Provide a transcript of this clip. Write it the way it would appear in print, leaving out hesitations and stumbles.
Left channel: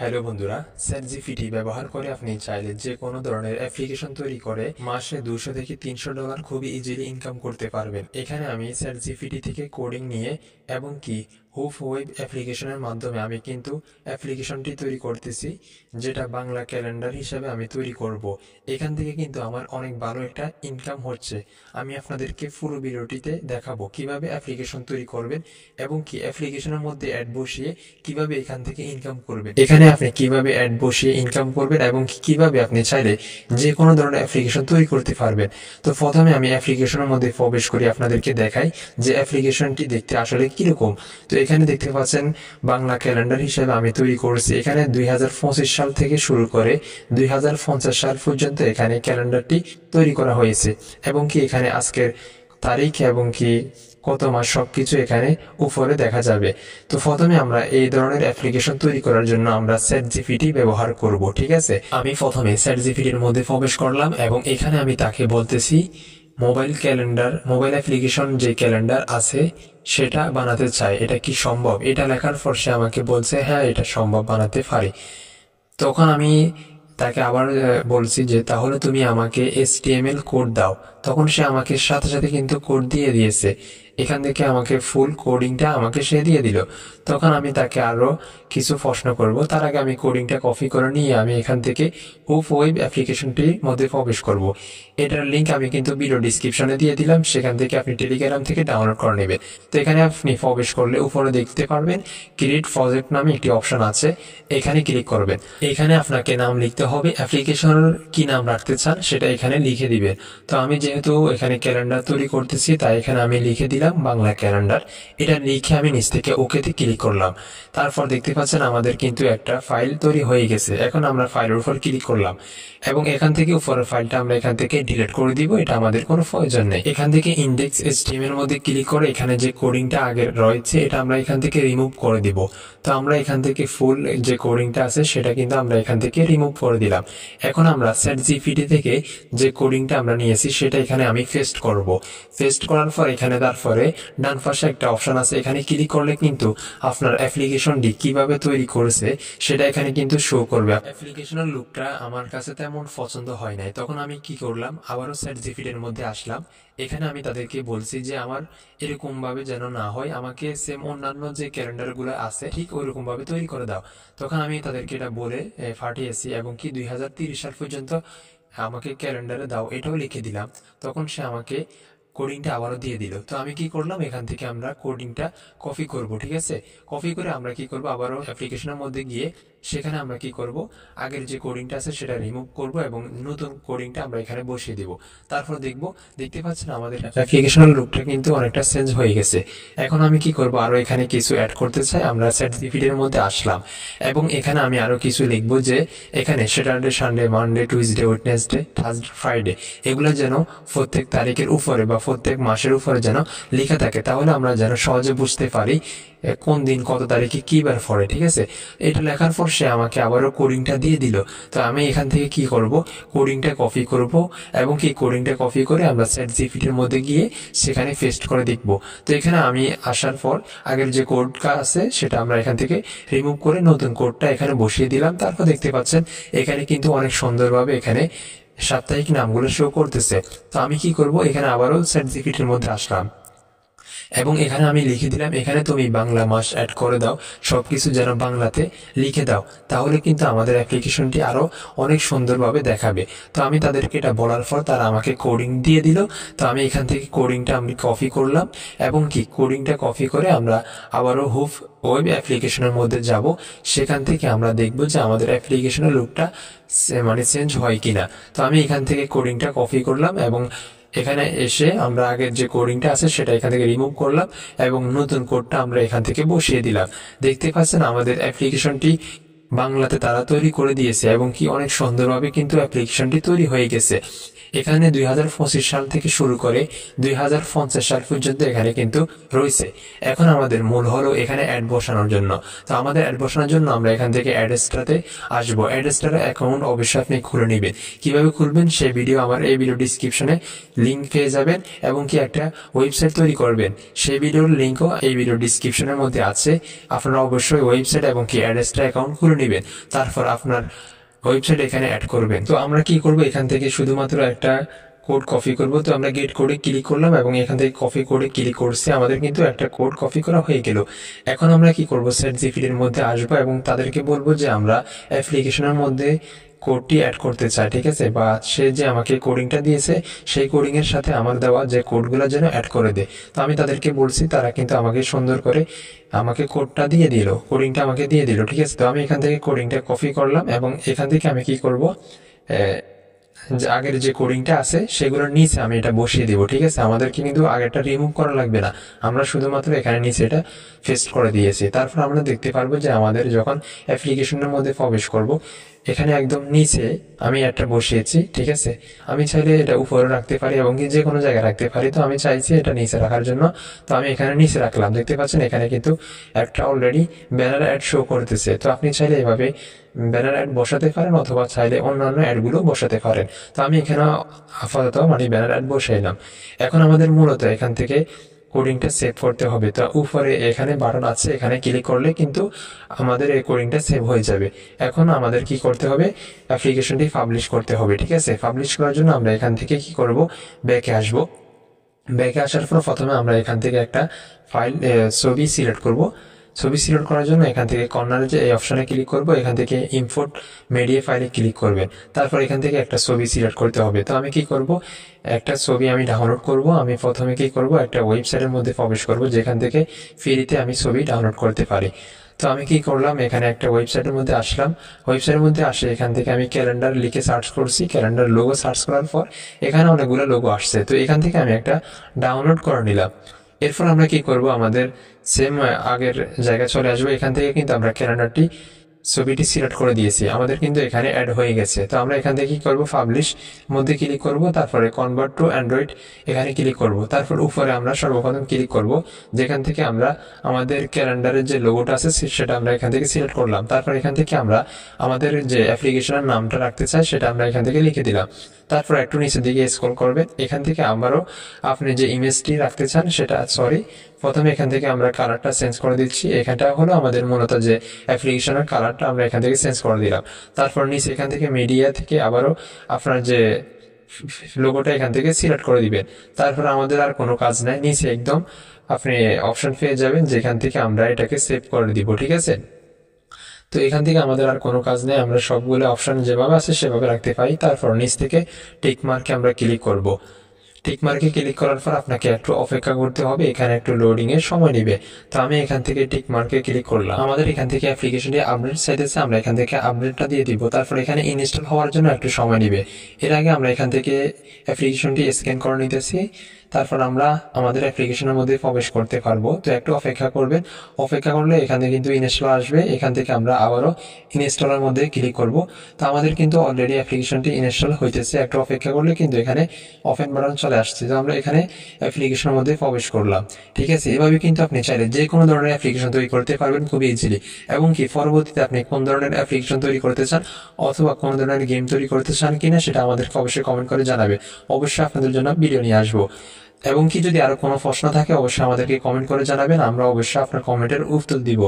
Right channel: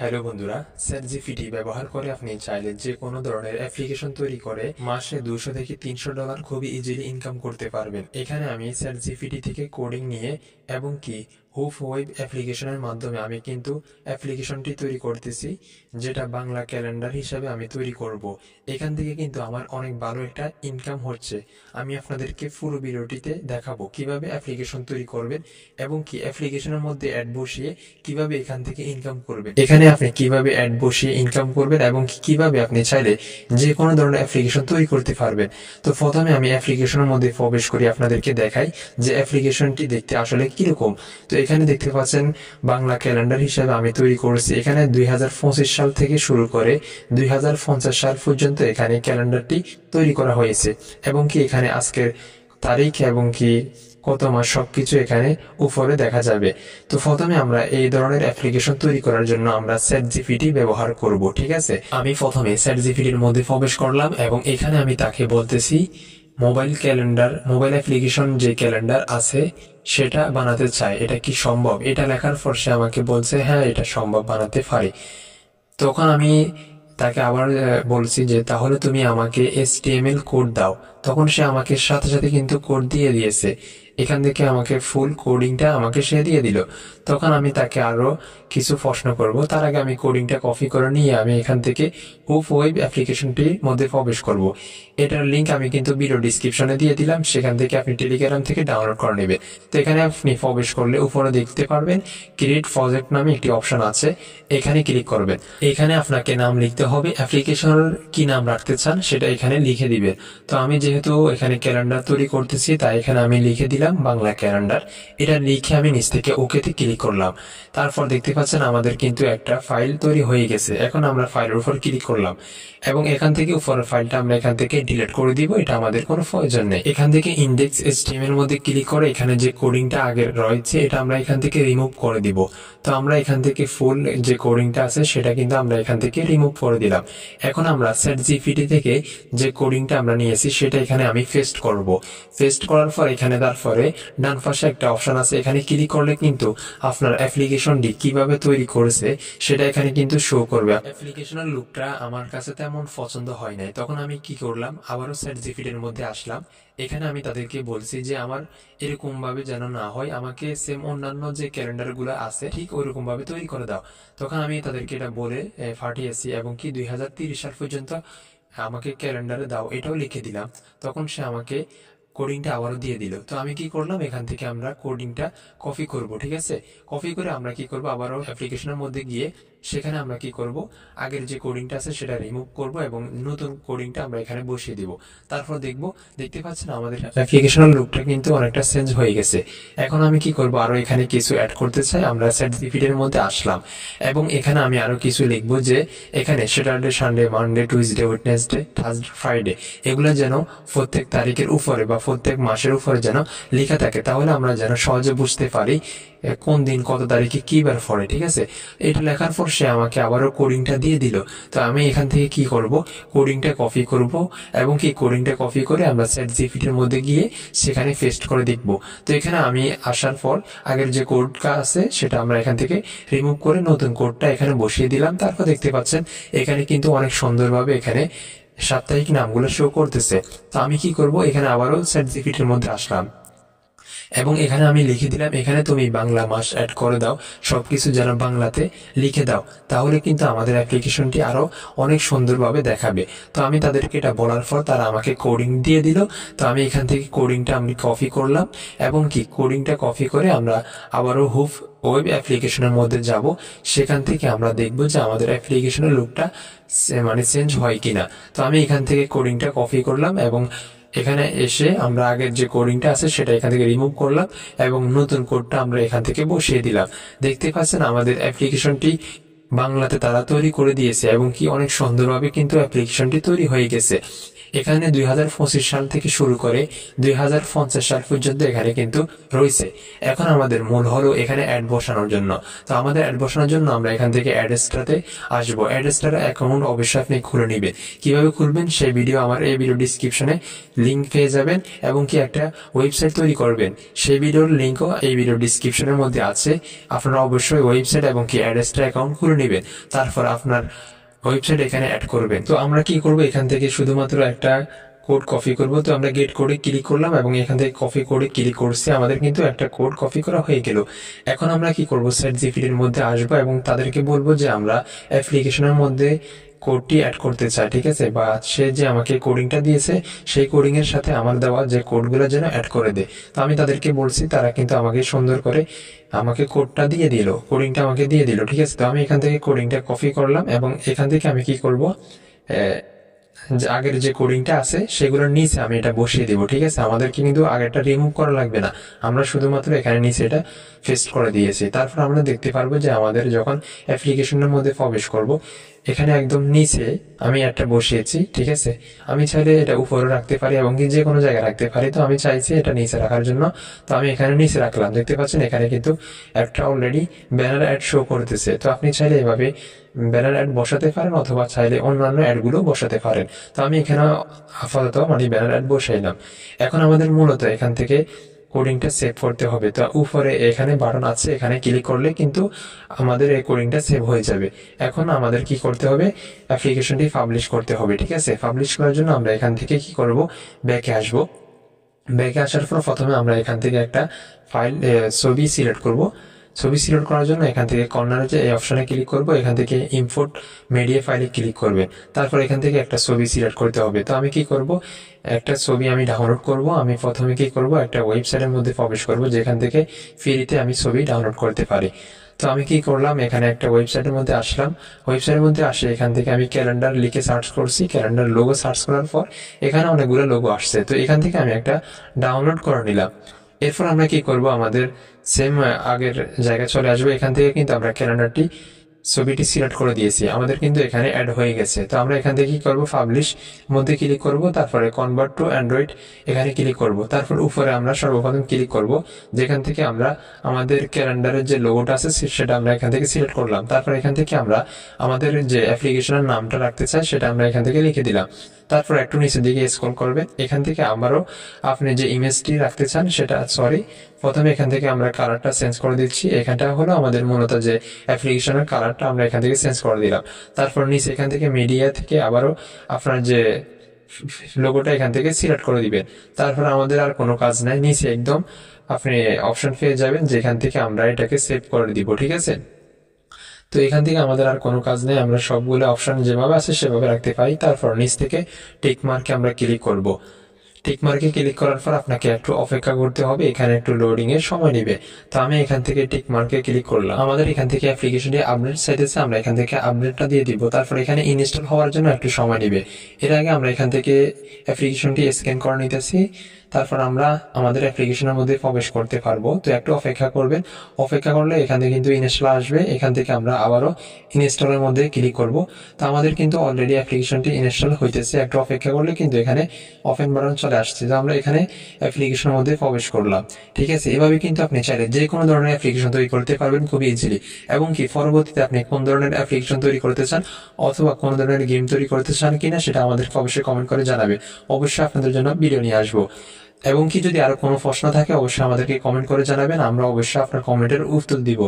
Hello বন্ধুরা, ChatGPT ব্যবহার করে আপনি চাইলে যে কোনো ধরনের অ্যাপ্লিকেশন তৈরি করে মাসে $200 থেকে $300 খুবই ইজিলি ইনকাম করতে পারবেন। এখানে আমি চ্যাটজিপিটি থেকে কোডিং নিয়ে এবং কি হুপ ওয়েব অ্যাপ্লিকেশনের মাধ্যমে আমি কিন্তু অ্যাপ্লিকেশনটি তৈরি করতেছি, যেটা বাংলা ক্যালেন্ডার হিসাবে আমি তৈরি করব। এখান থেকে কিন্তু আমার অনেক ভালো একটা ইনকাম হচ্ছে। আমি আপনাদেরকে পুরো ভিডিওটিতে দেখাবো কিভাবে অ্যাপ্লিকেশন তৈরি করবেন এবং কি অ্যাপ্লিকেশনের মধ্যে অ্যাড বসিয়ে কিভাবে এখান থেকে ইনকাম করবেন। এখানে আপনি কিভাবে অ্যাড বসিয়ে ইনকাম করবেন এবং কিভাবে আপনি চাইলে যে কোনো ধরনের অ্যাপ্লিকেশন তৈরি করতে পারবেন। তো প্রথমে আমি অ্যাপ্লিকেশনের মধ্যে প্রবেশ করি, আপনাদেরকে দেখাই যে অ্যাপ্লিকেশনটি দেখতে আসলে কিরকম। তো এখানে দেখতে পাচ্ছেন বাংলা ক্যালেন্ডার হিসেবে আমি তৈরি করেছি। এখানে 2025 সাল থেকে শুরু করে 2050 সাল পর্যন্ত এখানে ক্যালেন্ডারটি তৈরি করা হয়েছে এবং কি এখানে আজকের তারিখ এবং কি কত মাস সবকিছু এখানে উপরে দেখা যাবে। তো প্রথমে আমরা এই ধরনের অ্যাপ্লিকেশন তৈরি করার জন্য আমরা চ্যাটজিপিটি ব্যবহার করব। ঠিক আছে, আমি প্রথমে চ্যাটজিপিটির মধ্যে প্রবেশ করলাম এবং এখানে আমি তাকে বলতেছি মোবাইল অ্যাপ্লিকেশন যে ক্যালেন্ডার আছে সেটা বানাতে চাই, এটা কি সম্ভব। এটা লেখার পর সে আমাকে বলছে হ্যাঁ এটা সম্ভব, বানাতে পারি। তখন আমি তাকে আবার বলছি যে তাহলে তুমি আমাকে HTML কোড দাও। তখন সে আমাকে সাথে সাথে কিন্তু কোড দিয়ে দিয়েছে। এখান থেকে আমাকে ফুল কোডিংটা আমাকে সে দিয়ে দিল। তখন আমি তাকে আরো কিছু প্রশ্ন করব, তার আগে আমি কোডিংটা কপি করে নিয়ে আমি এখান থেকে হুপ ওয়েব অ্যাপ্লিকেশনটির মধ্যে প্রবেশ করব। এটার লিঙ্ক আমি কিন্তু ভিডিও ডিসক্রিপশনে দিয়ে দিলাম, সেখান থেকে আপনি টেলিগ্রাম থেকে ডাউনলোড করে নেবেন। তো এখানে আপনি প্রবেশ করলে উপরে দেখতে পারবেন ক্রিয়েট প্রজেক্ট নামে একটি অপশন আছে, এখানে ক্লিক করবেন। এখানে আপনাকে নাম লিখতে হবে, অ্যাপ্লিকেশনের কি নাম রাখতে চান সেটা এখানে লিখে দিবেন। তো আমি যেহেতু এখানে ক্যালেন্ডার তৈরি করতেছি তাই এখানে আমি লিখে দিলাম বাংলা ক্যালেন্ডার। এটা লিখে আমি নিচ থেকে ওকেতে ক্লিক করলাম। তারপর দেখতে পাচ্ছেন আমাদের কিন্তু একটা ফাইল তৈরি হয়ে গেছে। এখন আমরা ফাইলের উপর ক্লিক করলাম এবং এখান থেকে উপরের ফাইলটা আমরা এখান থেকে ডিলিট করে দিব, এটা আমাদের কোনো প্রয়োজন নেই। এখান থেকে ইন্ডেক্স HTML এর মধ্যে ক্লিক করে এখানে যে কোডিংটা আগের রয়েছে এটা আমরা এখান থেকে রিমুভ করে দিব। তো আমরা এখান থেকে ফুল যে কোডিংটা আছে সেটা কিন্তু আমরা এখান থেকে রিমুভ করে দিলাম। এখন আমরা চ্যাটজিপিটি থেকে যে কোডিংটা আমরা নিয়েছি সেটা এখানে আমি পেস্ট করব। পেস্ট করার পর এখানে তারপরে ডান পাশে একটা অপশন আছে, এখানে ক্লিক করলে কিন্তু আপনার অ্যাপ্লিকেশনটি কিভাবে তৈরি করেছে সেটা এখানে কিন্তু শো করবে। অ্যাপ্লিকেশনের লুকটা আমার কাছে তেমন পছন্দ হয় নাই, তখন আমি কি করলাম আবারও চ্যাটজিপিটির মধ্যে আসলাম। এখানে আমি তাদেরকে বলছি যে আমার এরকম ভাবে যেন না হয়, আমাকে সেম অন্যান্য যে ক্যালেন্ডার গুলো আছে ঠিক ওইরকম ভাবে তৈরি করে দাও। তখন আমি তাদেরকে এটা বলে পাঠিয়েছি এবং কি 2030 সাল পর্যন্ত আমাকে ক্যালেন্ডারে দাও এটাও লিখে দিলাম। তখন সে আমাকে কোডিংটা আবারও দিয়ে দিল। তো আমি কি করলাম, এখান থেকে আমরা কোডিংটা কপি করব। ঠিক আছে, কপি করে আমরা কি করব, আবারও অ্যাপ্লিকেশনের মধ্যে গিয়ে সেখানে আমরা কি করব, আগের যে কোডিংটা আছে সেটা রিমুভ করব এবং নতুন কোডিংটা আমরা এখানে বসিয়ে দিব। তারপর দেখতে পাচ্ছেন আমাদের অ্যাপ্লিকেশনের লুকটা কিন্তু অনেকটা চেঞ্জ হয়ে গেছে। এখন আমি কি করব, আরো এখানে কিছু অ্যাড করতে চাই। আমরা চ্যাটজিপিটির মধ্যে আসলাম এবং এখানে আমি আরো কিছু লিখবো যে এখানে Saturday, Sunday, Monday, Tuesday, Wednesday, Thursday, Friday এগুলো যেন প্রত্যেক তারিখের উপরে বা প্রত্যেক মাসের উপরে যেন লেখা থাকে, তাহলে আমরা যেন সহজে বুঝতে পারি কোন দিন কত তারিখে কি বার পড়ে। ঠিক আছে, এটা লেখার পর সে আমাকে আবারও কোডিংটা দিয়ে দিল। তো আমি এখান থেকে কি করব, কোডিংটা কপি করব এবং কি কোডিংটা কপি করে আমরা চ্যাটজিপিটির মধ্যে গিয়ে সেখানে পেস্ট করে দেখব। তো এখানে আমি আসার পর আগের যে কোডটা আছে সেটা আমরা এখান থেকে রিমুভ করে নতুন কোডটা এখানে বসিয়ে দিলাম। তারপর দেখতে পাচ্ছেন এখানে কিন্তু অনেক সুন্দরভাবে এখানে সাপ্তাহিক নামগুলো শো করতেছে। তো আমি কি করব, এখানে আবারও চ্যাটজিপিটির মধ্যে আসলাম এবং এখানে আমি লিখে দিলাম এখানে তুমি বাংলা মাস অ্যাড করে দাও, সবকিছু যেন বাংলাতে লিখে দাও, তাহলে কিন্তু আমাদের অ্যাপ্লিকেশনটি আরো অনেক সুন্দরভাবে দেখাবে। তো আমি তাদেরকে এটা বলার পর তারা আমাকে কোডিং দিয়ে দিল। তো আমি এখান থেকে কোডিংটা আমি কপি করলাম এবং কি কোডিংটা কপি করে আমরা আবারও হুপ ওয়েব অ্যাপ্লিকেশনের মধ্যে যাব। সেখান থেকে আমরা দেখব যে আমাদের অ্যাপ্লিকেশনের লুকটা মানে চেঞ্জ হয় কিনা। তো আমি এখান থেকে কোডিংটা কপি করলাম এবং এখানে এসে আমরা আগের যে কোডিংটা আছে সেটা এখান থেকে রিমুভ করলাম এবং নতুন কোডটা আমরা এখান থেকে বসিয়ে দিলাম। দেখতে পাচ্ছেন আমাদের অ্যাপ্লিকেশনটি বাংলাতে তারা তৈরি করে দিয়েছে এবং কি অনেক সুন্দরভাবে কিন্তু অ্যাপ্লিকেশনটি তৈরি হয়ে গেছে। এখানে 2025 সাল থেকে শুরু করে 2050 সাল পর্যন্ত এখানে কিন্তু রয়েছে। এখন আমাদের মূল হলো এখানে অ্যাড বসানোর জন্য। তো আমাদের অ্যাড বসানোর জন্য আমরা এখান থেকে অ্যাড্রেসটাতে আসবো। অ্যাড্রেসটার অ্যাকাউন্ট অবশ্যই আপনি খুলে নেবেন। কিভাবে খুলবেন সেই ভিডিও আমার এই ভিডিও ডিসক্রিপশনে লিঙ্ক পেয়ে যাবেন এবং কি একটা ওয়েবসাইট তৈরি করবেন সেই ভিডিওর লিঙ্কও এই ভিডিও ডিসক্রিপশনের মধ্যে আছে। আপনারা অবশ্যই ওয়েবসাইট এবং কি অ্যাড্রেসটা অ্যাকাউন্ট খুলে নেবেন, তারপর আপনার ওয়েবসাইট এখানে অ্যাড করবেন। তো আমরা কি করব, এখান থেকে শুধুমাত্র একটা কোড কপি করব। তো আমরা গেট কোডে ক্লিক করলাম এবং এখান থেকে কপি কোডে ক্লিক করছি, আমাদের কিন্তু একটা কোড কপি করা হয়ে গেল। এখন আমরা কি করব, ChatGPT-র মধ্যে আসবো এবং তাদেরকে বলবো যে আমরা অ্যাপ্লিকেশনের মধ্যে কোডটি অ্যাড করতে চাই, ঠিক আছে, বা সে যে আমাকে কোডিংটা দিয়েছে সেই কোডিং এর সাথে আমার দেওয়া যে কোডগুলো যেন অ্যাড করে দেয়। তো আমি তাদেরকে বলছি, তারা কিন্তু আমাকে সুন্দর করে আমাকে কোডটা দিয়ে দিল, কোডিংটা আমাকে দিয়ে দিল, ঠিক আছে। তো আমি এখান থেকে কোডিংটা কপি করলাম এবং এখান থেকে আমি কি করব, যে আগের যে কোডিংটা আছে সেগুলোর নিচে আমি এটা বসিয়ে দিব, ঠিক আছে। আমাদেরকে কিন্তু আগেরটা রিমুভ করা লাগবে না, আমরা শুধুমাত্র এখানে নিচে এটা পেস্ট করে দিয়েছি। তারপর আমরা দেখতে পারবো যে আমাদের যখন অ্যাপ্লিকেশনের মধ্যে প্রবেশ করব, এখানে একদম নিচে আমি একটা বসিয়েছি, ঠিক আছে। আমি চাইলে এটা উপরে রাখতে পারি এবং কি যে কোনো জায়গায় রাখতে পারি, তো আমি চাইছি এটা নিচে রাখার জন্য। তো আমি এখানে নিচে রাখলাম, দেখতে পাচ্ছেন এখানে কিন্তু একটা অলরেডি ব্যানার অ্যাড শো করতেছে। তো আপনি চাইলে এভাবে ব্যানার অ্যাড বসাতে পারেন অথবা চাইলে অন্যান্য অ্যাডগুলো বসাতে পারেন। তো আমি এখানে আপাতত ব্যানার অ্যাড বসাইলাম। এখন আমাদের মূলত এখান থেকে কোডিংটা সেভ করতে হবে। তো উপরে এখানে বাটন আছে, এখানে ক্লিক করলে কিন্তু আমাদের এই কোডিংটা সেভ হয়ে যাবে। এখন আমাদের কি করতে হবে, অ্যাপ্লিকেশনটি পাবলিশ করতে হবে, ঠিক আছে। পাবলিশ করার জন্য আমরা এখান থেকে কি করব, ব্যাকে আসবো। ব্যাকে আসার পর প্রথমে আমরা এখান থেকে একটা ফাইল ছবি সিলেক্ট করব। ছবি সিলেক্ট করার জন্য এখান থেকে কর্নারে যে এই অপশনে ক্লিক করব, এখান থেকে ইম্পোর্ট মিডিয়া ফাইলে ক্লিক করবে। তারপর এখান থেকে একটা ছবি সিলেক্ট করতে হবে। তো আমি কি করব, একটা ছবি আমি ডাউনলোড করব। আমি প্রথমে কি করব, একটা ওয়েবসাইটের মধ্যে প্রবেশ করব যেখান থেকে ফ্রিতে আমি ছবি ডাউনলোড করতে পারি। তো আমি কি করলাম, এখানে একটা ওয়েবসাইটের মধ্যে আসলাম। ওয়েবসাইটের মধ্যে আসে এখান থেকে আমি ক্যালেন্ডার লিখে সার্চ করছি। ক্যালেন্ডার লোগো সার্চ করার পর এখানে অনেকগুলো লোগো আসছে। তো এখান থেকে আমি একটা ডাউনলোড করে নিলাম। এরপর আমরা কি করব, আমাদের সেম আগের জায়গায় চলে আসবো। এখান থেকে কিন্তু আমরা ক্যালেন্ডারটি ছবিটি সিলেক্ট করে দিয়েছি, আমাদের কিন্তু এখানে অ্যাড হয়ে গেছে। তো আমরা এখান থেকে কি করব, পাবলিশ মধ্যে ক্লিক করব, তারপরে কনভার্ট টু অ্যান্ড্রয়েড এখানে ক্লিক করব। তারপর উপরে আমরা সর্বপ্রথম ক্লিক করব, যেখান থেকে আমরা আমাদের ক্যালেন্ডারের যে লোগোটা আছে সেটা আমরা এখান থেকে সিলেক্ট করলাম। তারপর এখান থেকে আমরা আমাদের যে অ্যাপ্লিকেশনের নামটা রাখতে চাই সেটা আমরা এখান থেকে লিখে দিলাম। তারপর একটু নিচের দিকে স্ক্রল করবে, এখান থেকে আবারও আপনি যে ইমেজটি রাখতে চান সেটা, প্রথমে এখান থেকে আমরা কালারটা চেঞ্জ করে দিচ্ছি। এখানটা হলো আমাদের মূলত যে অ্যাপ্লিকেশনের কালারটা আমরা এখান থেকে চেঞ্জ করে দিলাম। তারপর নিচে এখান থেকে মিডিয়া থেকে আবারও আপনার যে লোগোটা এখান থেকে সিলেক্ট করে দিবেন। তারপর আমাদের আর কোনো কাজ নাই, নিচে একদম আপনি অপশন পেয়ে যাবেন যেখান থেকে আমরা এটাকে সেভ করে দিব, ঠিক আছে। তো এখান থেকে আমাদের আর কোনো কাজ নেই, আমরা সবগুলো অপশন যেভাবে আছে সেভাবে রাখতে পারি। তারপর নিচ থেকে টিক মার্কে আমরা ক্লিক করব। টিক মার্কে ক্লিক করার পর আপনাকে একটু অপেক্ষা করতে হবে, এখানে একটু লোডিং এর সময় নেবে। তো আমি এখান থেকে টিক মার্কে ক্লিক করলাম। আমাদের এখান থেকে অ্যাপ্লিকেশনটি আপডেট চাইতেছে, আমরা এখান থেকে আপডেটটা দিয়ে দিব। তারপর এখানে ইনস্টল হওয়ার জন্য একটু সময় নেবে। এর আগে আমরা এখান থেকে অ্যাপ্লিকেশনটি স্ক্যান করে নিতেছি, তারপর আমরা আমাদের অ্যাপ্লিকেশনের মধ্যে প্রবেশ করতে পারবো। তো একটু অপেক্ষা করবেন, অপেক্ষা করলে এখান থেকে কিন্তু ইনস্টল আসবে। এখান থেকে আমরা আবারও ইনস্টলের মধ্যে ক্লিক করব। তো আমাদের কিন্তু অলরেডি অ্যাপ্লিকেশনটি ইনস্টল হইতেছে, একটু অপেক্ষা করলে কিন্তু এখানে ওপেন বাটন চলে আসছে। তো আমরা এখানে অ্যাপ্লিকেশনের মধ্যে প্রবেশ করলাম, ঠিক আছে। এভাবে কিন্তু আপনি চাইলে যে কোনো ধরনের অ্যাপ্লিকেশন তৈরি করতে পারবেন খুবই ইজিলি। এবং কি পরবর্তীতে আপনি কোন ধরনের অ্যাপ্লিকেশন তৈরি করতে চান অথবা কোন ধরনের গেম তৈরি করতে চান কিনা সেটা আমাদেরকে অবশ্যই কমেন্ট করে জানাবে, অবশ্যই আপনাদের জন্য ভিডিও নিয়ে আসবো। এবং কি যদি আরো কোনো প্রশ্ন থাকে অবশ্যই আমাদেরকে কমেন্ট করে জানাবেন, আমরা অবশ্যই আপনার কমেন্টের উত্তর দিব।